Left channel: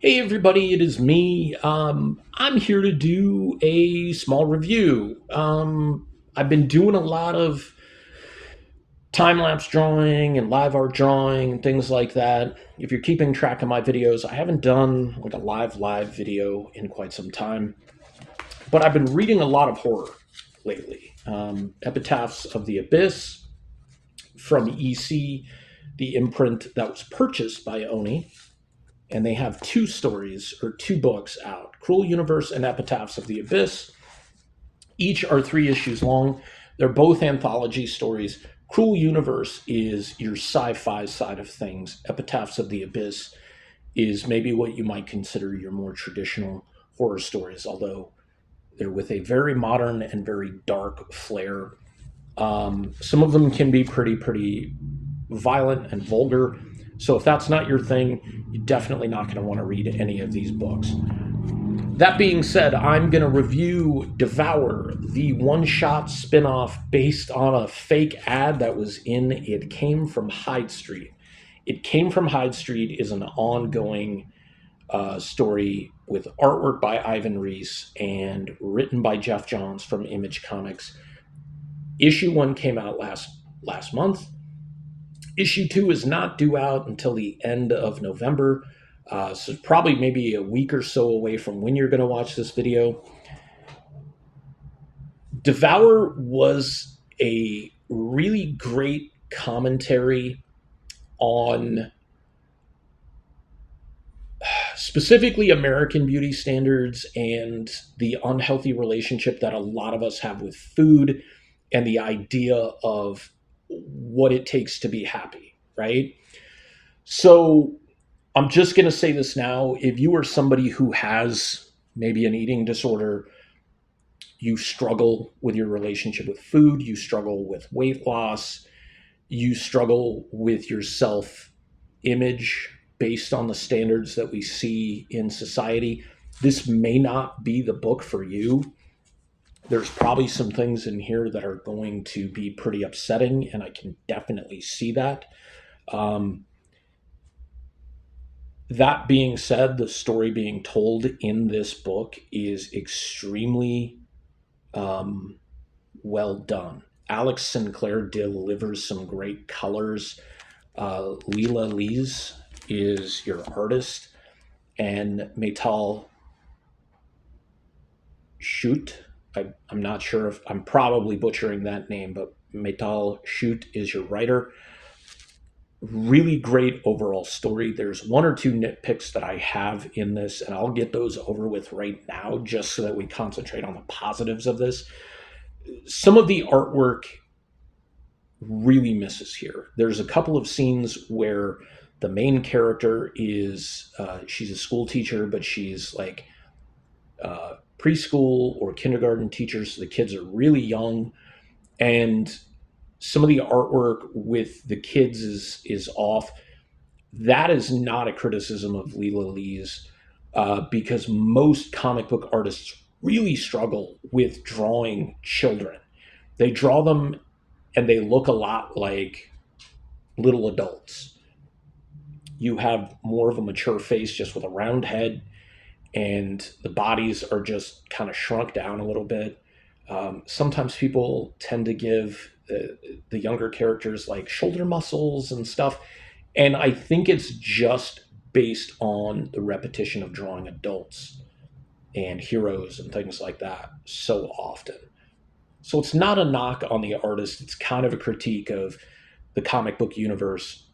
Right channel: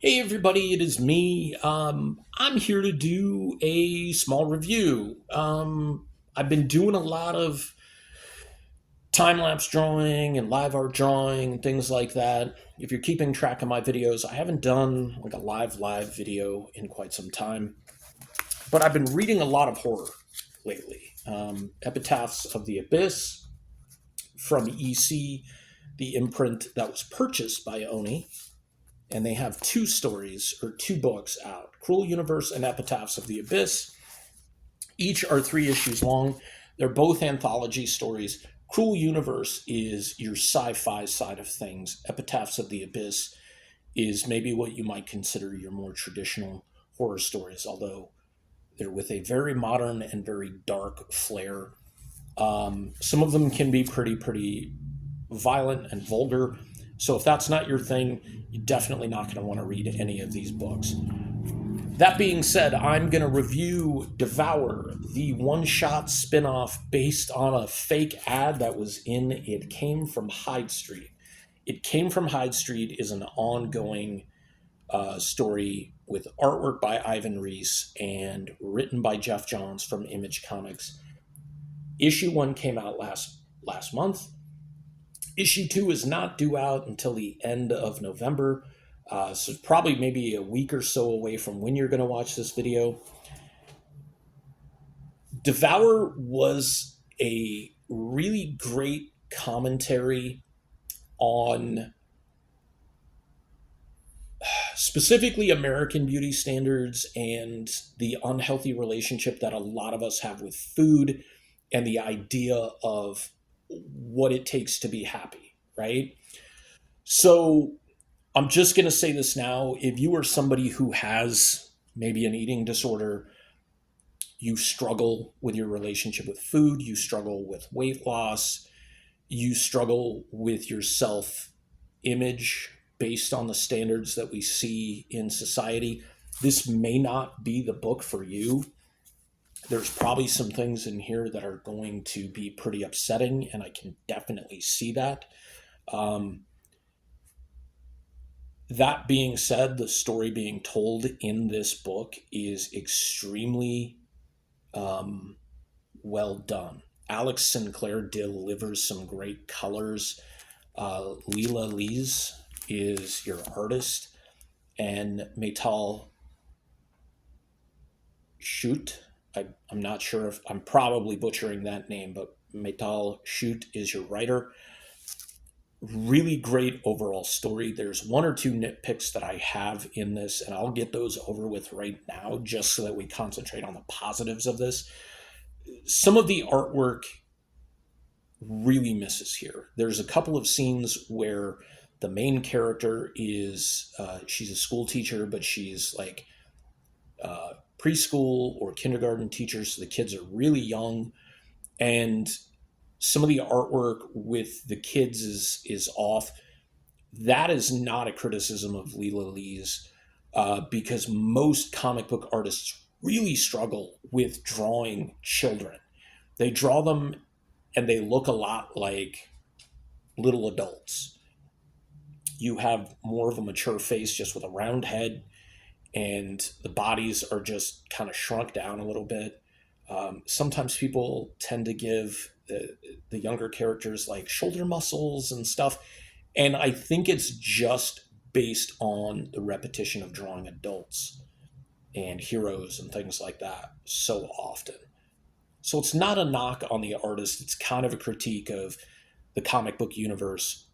Hey everybody, it is me. I'm here to do a small review. I've been doing a lot of time lapse drawing and live art drawing and things like that. If you're keeping track of my videos, I haven't done like a live video in quite some time, but I've been reading a lot of horror lately. Epitaphs of the Abyss from EC, the imprint that was purchased by Oni, and they have two stories or two books out: Cruel Universe and Epitaphs of the Abyss. Each are 3 issues long. They're both anthology stories. Cruel Universe is your sci fi side of things. Epitaphs of the Abyss is maybe what you might consider your more traditional horror stories, although they're with a very modern and very dark flair. Some of them can be pretty violent and vulgar. So if that's not your thing, you're definitely not going to want to read any of these books. That being said, I'm going to review Devour, the one-shot spin-off based on a fake ad that was in It Came From Hyde Street. It Came From Hyde Street is an ongoing story with artwork by Ivan Reis and written by Jeff Johns from Image Comics. Issue 1 came out last month. Issue 2 is not due out until the end of November, so probably maybe a week or so away from when you're going to watch this video. Devour was a really great commentary on specifically American beauty standards and the unhealthy relationship that a lot of us have with food and the idea of what it takes to be happy, right? So I'm just going to say this now. If you are somebody who has maybe an eating disorder, you struggle with your relationship with food, you struggle with weight loss, you struggle with your self image based on the standards that we see in society, this may not be the book for you. There's probably some things in here that are going to be pretty upsetting, and I can definitely see that. Um, that being said, the story being told in this book is extremely um, well done. Alex Sinclair delivers some great colors. Leela Lees is your artist, and Metal Shoot. I'm not sure if I'm probably butchering that name, but Metal Shoot is your writer. Really great overall story. There's one or two nitpicks that I have in this, and I'll get those over with right now just so that we concentrate on the positives of this. Some of the artwork really misses here. There's a couple of scenes where the main character is she's a school teacher, but she's like preschool or kindergarten teacher, so the kids are really young, and some of the artwork with the kids is off. That is not a criticism of Leela Lee's, because most comic book artists really struggle with drawing children. They draw them and they look a lot like little adults. You have more of a mature face just with a round head, and the bodies are just kind of shrunk down a little bit. Sometimes people tend to give the younger characters like shoulder muscles and stuff. And I think it's just based on the repetition of drawing adults and heroes and things like that so often. So it's not a knock on the artist. It's kind of a critique of the comic book universe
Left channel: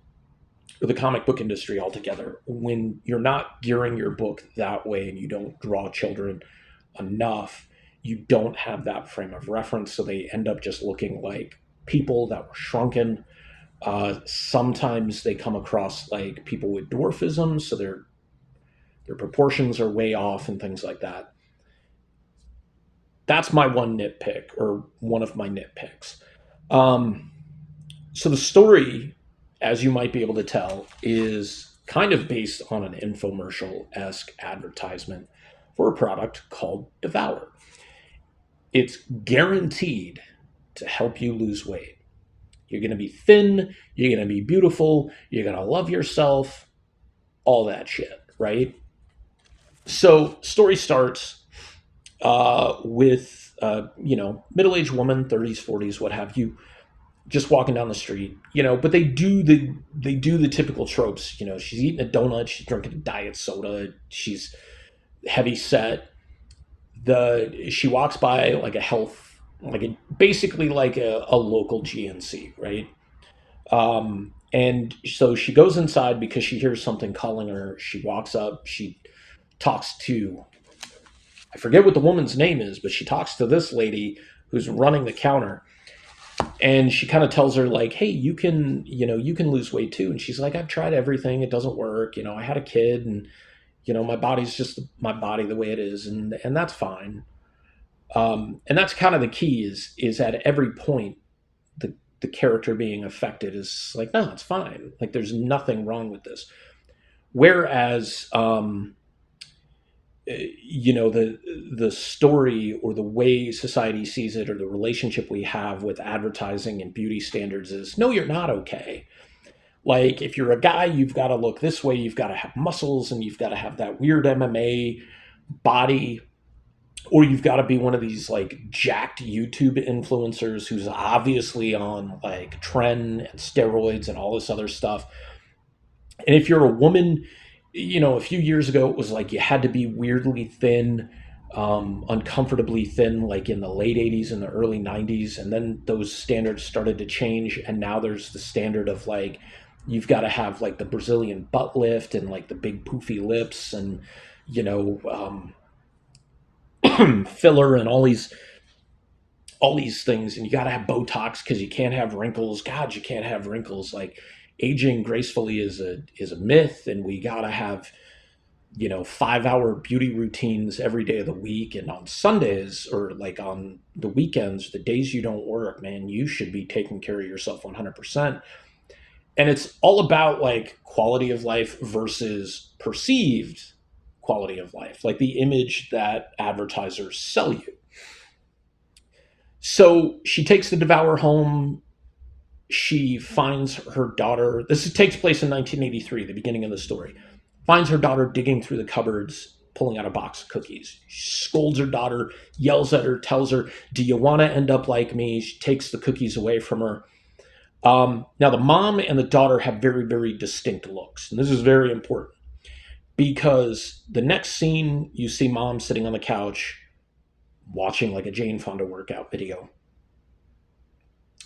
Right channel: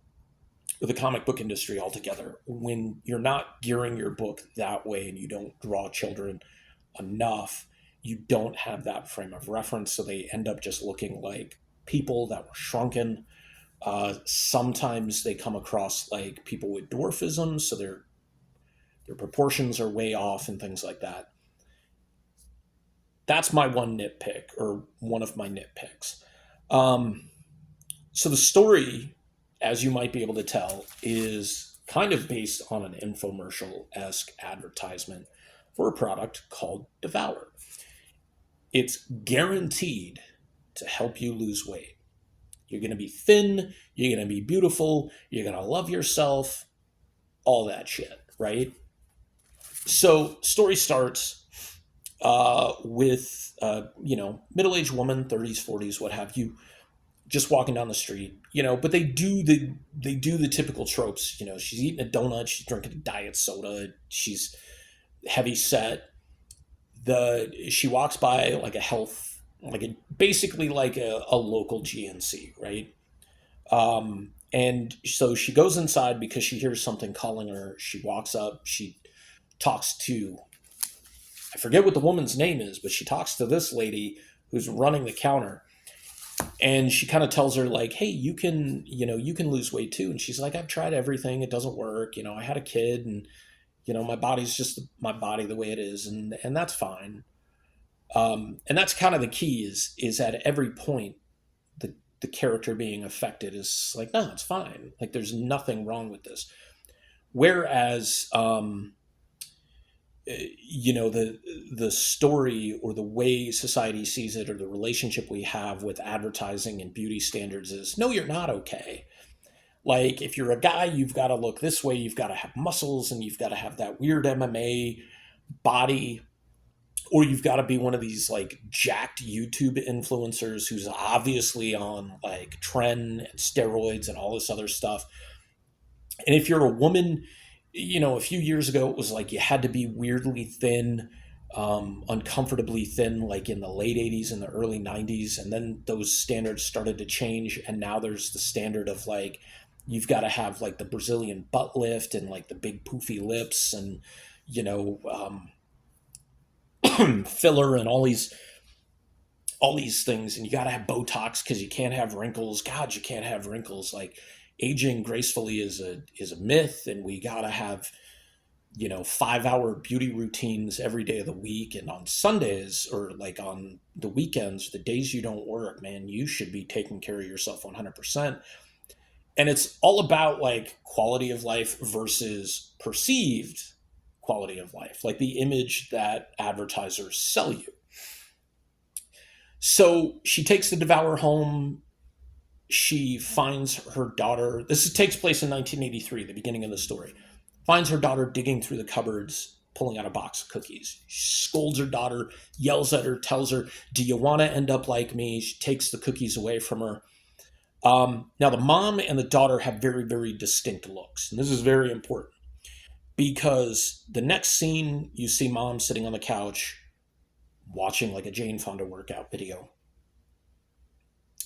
or the comic book industry altogether. When you're not gearing your book that way and you don't draw children enough, you don't have that frame of reference. So they end up just looking like people that were shrunken. Sometimes they come across like people with dwarfism, so their proportions are way off and things like that. That's my one nitpick, or one of my nitpicks. Um, so the story, as you might be able to tell, is kind of based on an infomercial esque advertisement for a product called Devour. It's guaranteed to help you lose weight. You're going to be thin, you're going to be beautiful, you're going to love yourself, all that shit, right? So story starts with middle-aged woman, 30s, 40s, what have you, just walking down the street, but they do the typical tropes. She's eating a donut, she's drinking a diet soda, she's heavy set. She walks by like a health, basically like a local GNC, right? And so she goes inside because she hears something calling her. She walks up, she talks to, I forget what the woman's name is, but she talks to this lady who's running the counter, and she kind of tells her like, hey, you can lose weight too. And she's like, I've tried everything, it doesn't work. I had a kid, and my body's just my body the way it is, and that's fine. And that's kind of the key, is at every point the character being affected is like, no, it's fine, like there's nothing wrong with this. Whereas the story, or the way society sees it, or the relationship we have with advertising and beauty standards is, no, you're not okay. Like, if you're a guy, you've got to look this way, you've got to have muscles, and you've got to have that weird MMA body, or you've got to be one of these like jacked YouTube influencers who's obviously on like tren and steroids and all this other stuff. And if you're a woman, a few years ago it was like you had to be weirdly thin, uncomfortably thin, like in the late 80s and the early 90s. And then those standards started to change. And now there's the standard of like, you've got to have like the Brazilian butt lift and like the big poofy lips, and, you know, filler and all these things. And you got to have Botox because you can't have wrinkles. God, you can't have wrinkles. Like, aging gracefully is a myth, and we got to have 5-hour beauty routines every day of the week. And on Sundays, or like on the weekends, the days you don't work, man, you should be taking care of yourself 100%. And it's all about like quality of life versus perceived quality of life, like the image that advertisers sell you. So she takes the Devour home. She finds her daughter. Takes place in 1983, the beginning of the story. Finds her daughter digging through the cupboards, pulling out a box of cookies. She scolds her daughter, yells at her, tells her, "Do you want to end up like me?" She takes the cookies away from her. Now, the mom and the daughter have very, very distinct looks. And this is very important, because the next scene, you see mom sitting on the couch watching like a Jane Fonda workout video.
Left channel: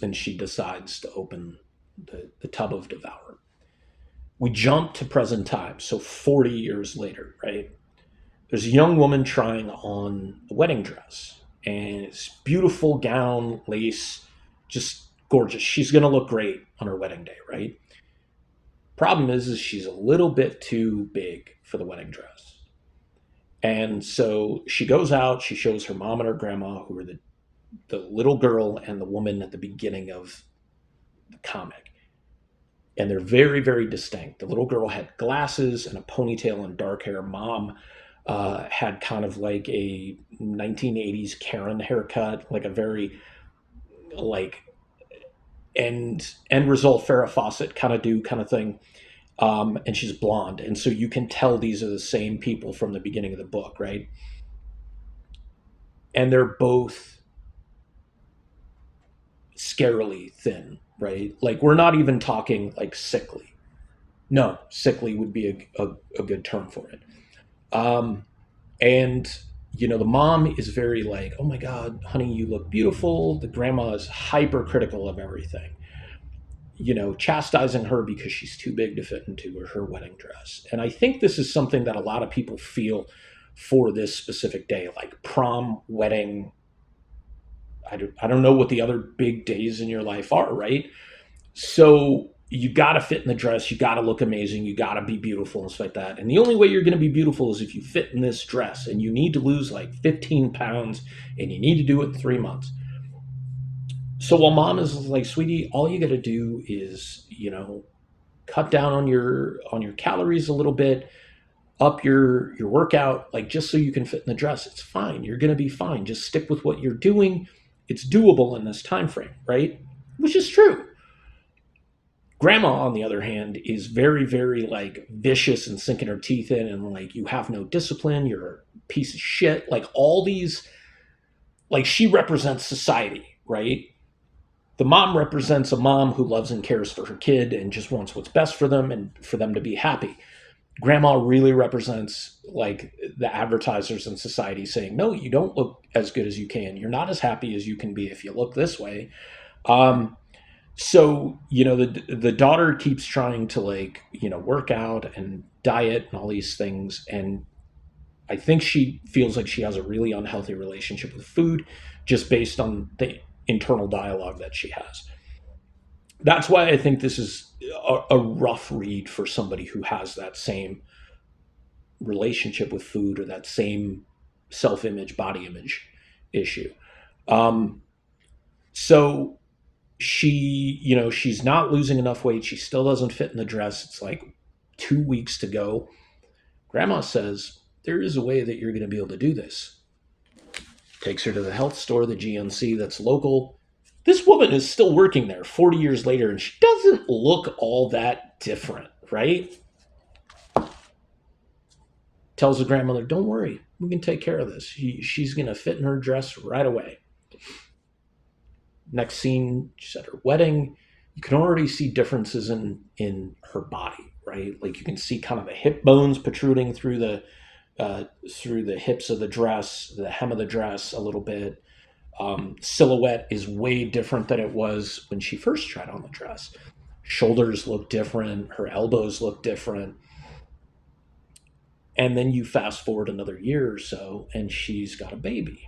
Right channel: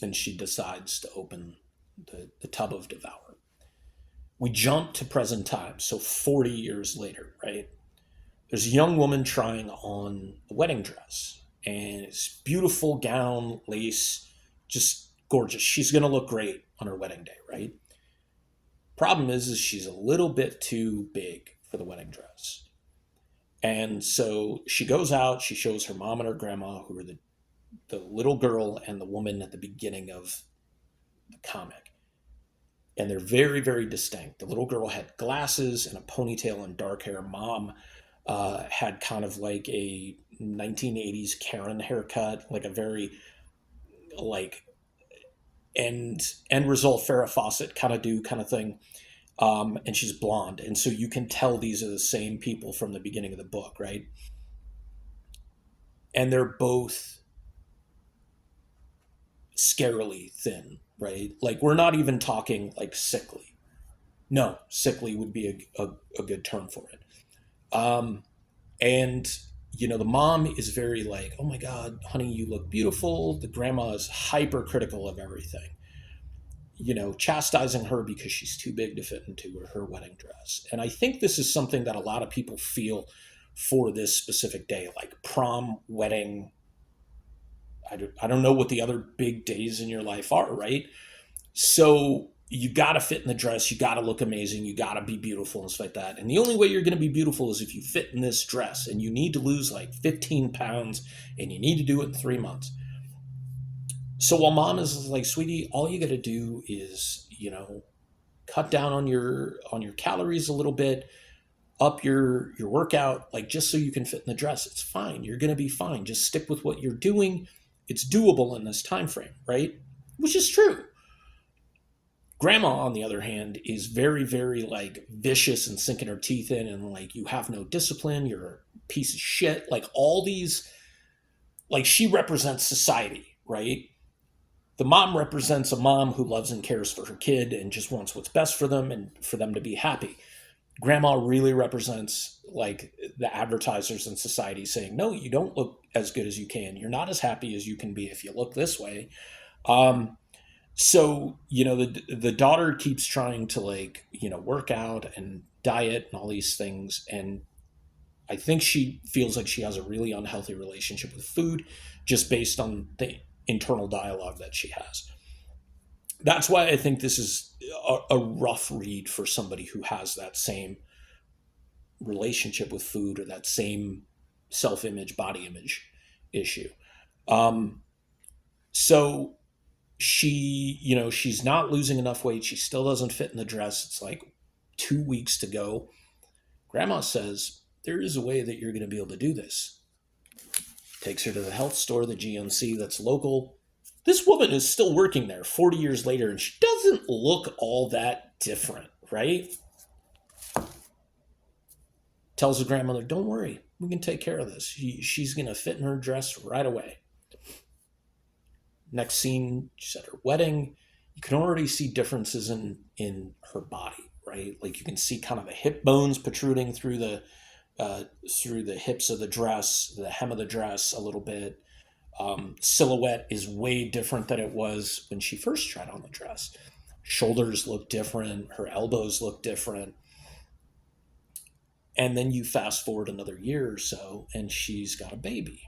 And she decides to open the tub of Devour. We jump to present time, so 40 years later, right? There's a young woman trying on a wedding dress, and it's beautiful gown, lace, just gorgeous. She's going to look great on her wedding day, right? Problem is she's a little bit too big for the wedding dress. And so she goes out, she shows her mom and her grandma, who are the little girl and the woman at the beginning of the comic. And they're very, very distinct. The little girl had glasses and a ponytail and dark hair. Mom had kind of like a 1980s Karen haircut, like a very like end result Farrah Fawcett kind of thing. And she's blonde, and so you can tell these are the same people from the beginning of the book, right? And they're both scarily thin, right? Like, we're not even talking like sickly. No, sickly would be a good term for it. And the mom is very like, "Oh my God, honey, you look beautiful." The grandma is hypercritical of everything, chastising her because she's too big to fit into her wedding dress. And I think this is something that a lot of people feel for this specific day, like prom, wedding. I don't know what the other big days in your life are, right? So you got to fit in the dress, you got to look amazing, you got to be beautiful and stuff like that. And the only way you're going to be beautiful is if you fit in this dress, and you need to lose like 15 pounds, and you need to do it in 3 months. So while mom is like, "Sweetie, all you got to do is, cut down on your calories a little bit, up your workout, like just so you can fit in the dress. It's fine. You're going to be fine. Just stick with what you're doing. It's doable in this time frame," right? Which is true. Grandma, on the other hand, is very, very like vicious and sinking her teeth in, and like, you have no discipline, you're a piece of shit. Like, all these, like, she represents society, right? The mom represents a mom who loves and cares for her kid and just wants what's best for them and for them to be happy. Grandma really represents like the advertisers in society saying, no, you don't look as good as you can. You're not as happy as you can be if you look this way. Um, so, the daughter keeps trying to, like, work out and diet and all these things. And I think she feels like she has a really unhealthy relationship with food just based on the internal dialogue that she has. That's why I think this is a rough read for somebody who has that same relationship with food or that same self image, body image issue. Um, so she's not losing enough weight. She still doesn't fit in the dress. It's like 2 weeks to go. Grandma says, there is a way that you're going to be able to do this. Takes her to the health store, the GNC that's local. This woman is still working there 40 years later, and she doesn't look all that different, right? Tells the grandmother, don't worry, we can take care of this. She's going to fit in her dress right away. Next scene, she's at her wedding. You can already see differences in her body, right? Like, you can see kind of the hip bones protruding through the hips of the dress, the hem of the dress a little bit. Silhouette is way different than it was when she first tried on the dress. Shoulders look different. Her elbows look different. And then you fast forward another year or so, and she's got a baby.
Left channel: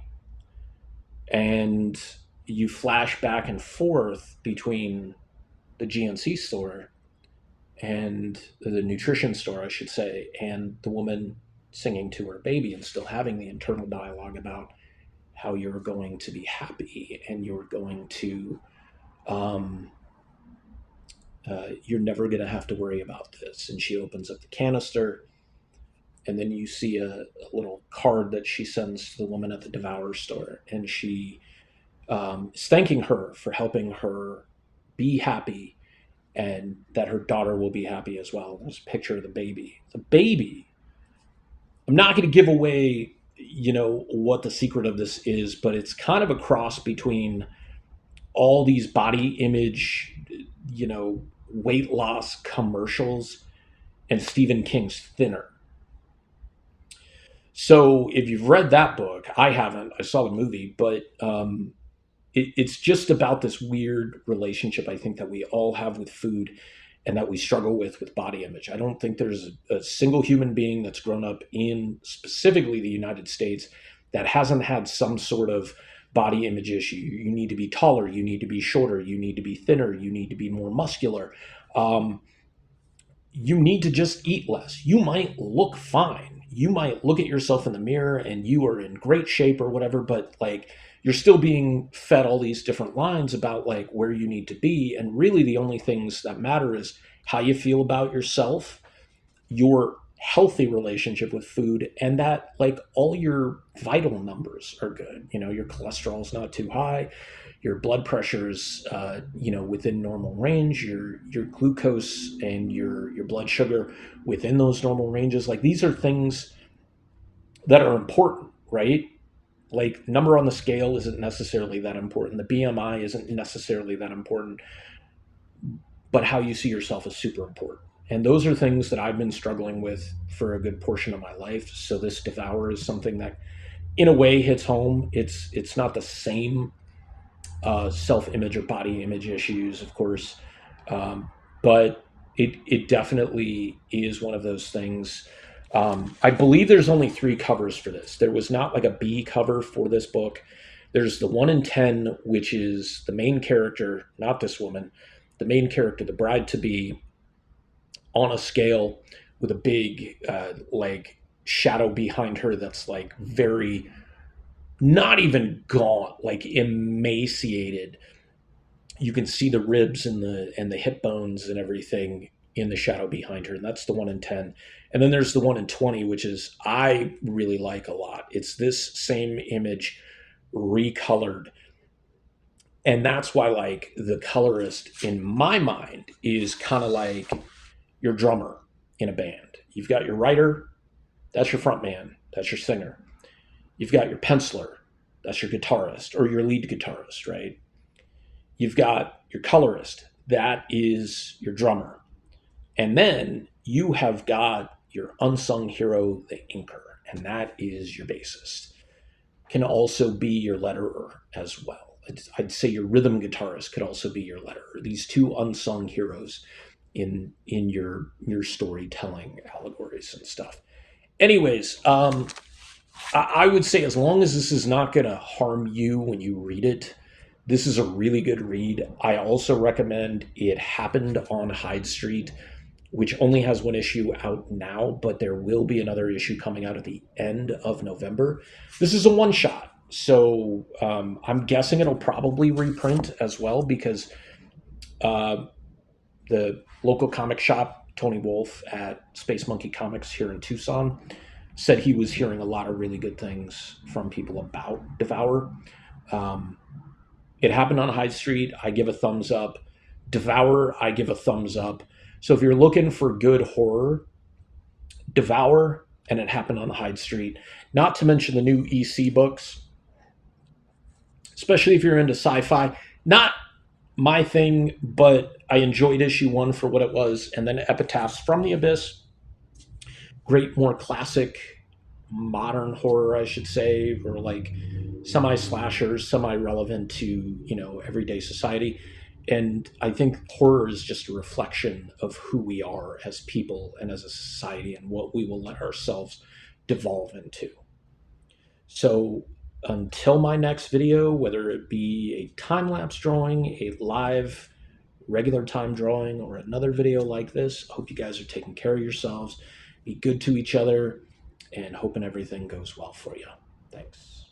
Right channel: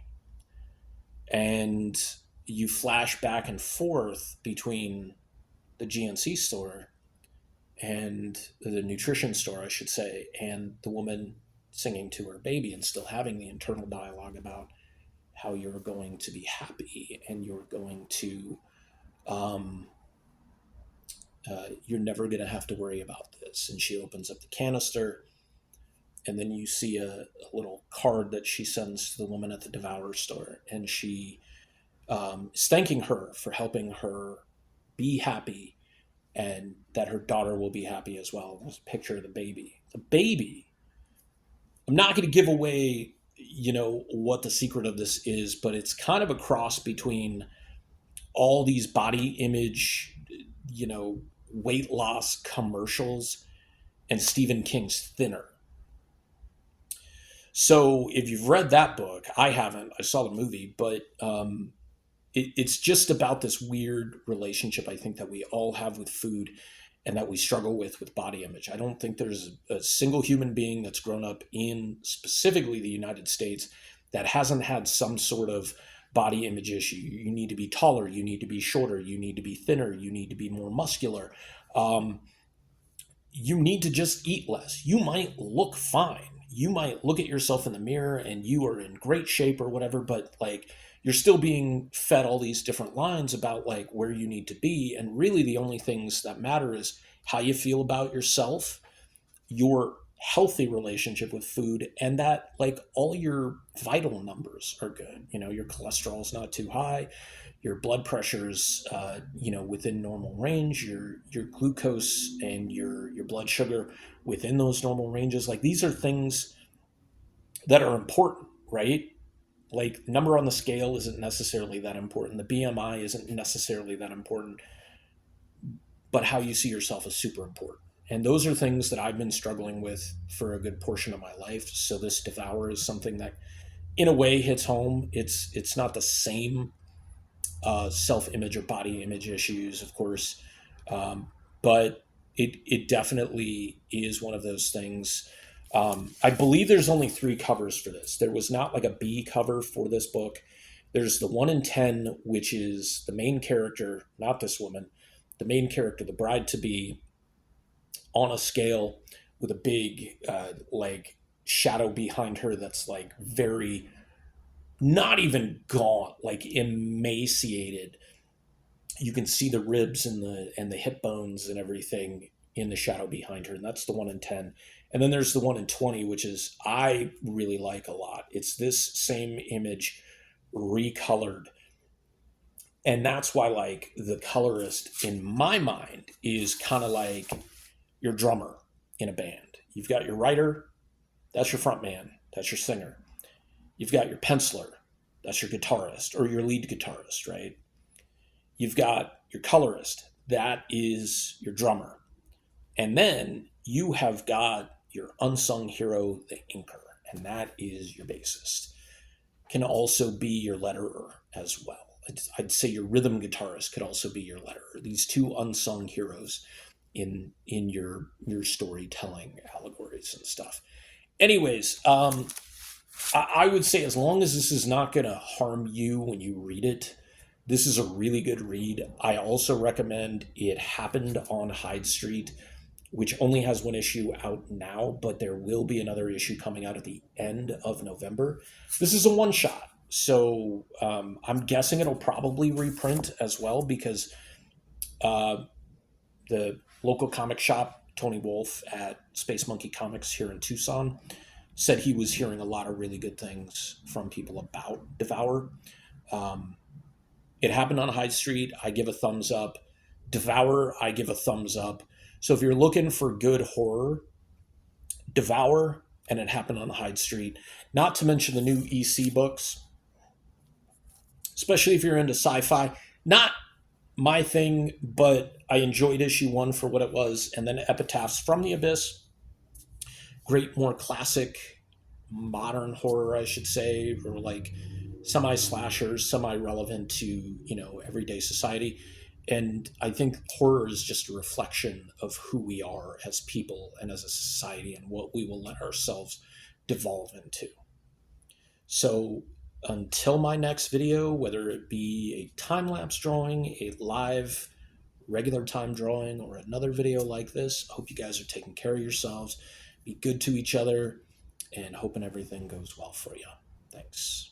And you flash back and forth between the GNC store and the nutrition store, I should say, and the woman singing to her baby and still having the internal dialogue about how you're going to be happy and you're going to, you're never going to have to worry about this. And she opens up the canister, and then you see a little card that she sends to the woman at the Devour store, and she is thanking her for helping her be happy and that her daughter will be happy as well. There's a picture of the baby. The baby. I'm not going to give away, what the secret of this is, but it's kind of a cross between all these body image, weight loss commercials and Stephen King's Thinner. So if you've read that book, I haven't. I saw the movie, but it's just about this weird relationship I think that we all have with food and that we struggle with body image. I don't think there's a single human being that's grown up in specifically the United States that hasn't had some sort of body image issue. You need to be taller, you need to be shorter, you need to be thinner, you need to be more muscular. You need to just eat less. You might look fine. You might look at yourself in the mirror and you are in great shape or whatever, but like, you're still being fed all these different lines about like where you need to be. And really the only things that matter is how you feel about yourself, your healthy relationship with food, and that like all your vital numbers are good. Your cholesterol's not too high, your blood pressure's within normal range, your glucose and your blood sugar within those normal ranges. Like, these are things that are important, right? Like, number on the scale isn't necessarily that important. The BMI isn't necessarily that important, but how you see yourself is super important. And those are things that I've been struggling with for a good portion of my life. So this Devour is something that in a way hits home. It's not the same self-image or body image issues, of course, but it definitely is one of those things. I believe there's only 3 covers for this. There was not like a B cover for this book. There's the 1 in 10, which is the main character, not this woman, the main character, the bride to be, on a scale with a big like shadow behind her that's like very, not even gaunt, like emaciated. You can see the ribs and the hip bones and everything in the shadow behind her, and that's the 1 in 10. And then there's the 1 in 20, which is, I really like a lot. It's this same image recolored, And that's why, like, the colorist in my mind is kind of like your drummer in a band. You've got your writer, that's your front man, that's your singer. You've got your penciler, that's your guitarist or your lead guitarist, right? You've got your colorist, that is your drummer. And then you have got your unsung hero, the inker, and that is your bassist. Can also be your letterer as well. I'd say your rhythm guitarist could also be your letterer. These two unsung heroes in your storytelling allegories and stuff. Anyways, I would say as long as this is not going to harm you when you read it, this is a really good read. I also recommend It Happened on Hyde Street, which only has one issue out now, but there will be another issue coming out at the end of November. This is a one shot, so I'm guessing it'll probably reprint as well because uh, the local comic shop, Tony Wolf at Space Monkey Comics here in Tucson, said he was hearing a lot of really good things from people about Devour. Um, it Happened on Hyde Street. I give a thumbs up. Devour, I give a thumbs up. So if you're looking for good horror, Devour and It Happened on Hyde Street. Not to mention the new EC books, especially if you're into sci-fi. Not my thing, but I enjoyed issue one for what it was, and then Epitaphs from the Abyss. Great, more classic, modern horror, I should say, or like semi-slashers, semi-relevant to everyday society. And I think horror is just a reflection of who we are as people and as a society and what we will let ourselves devolve into. So until my next video, whether it be a time-lapse drawing, a live regular time drawing, or another video like this, I hope you guys are taking care of yourselves, be good to each other, and hoping everything goes well for you. Thanks.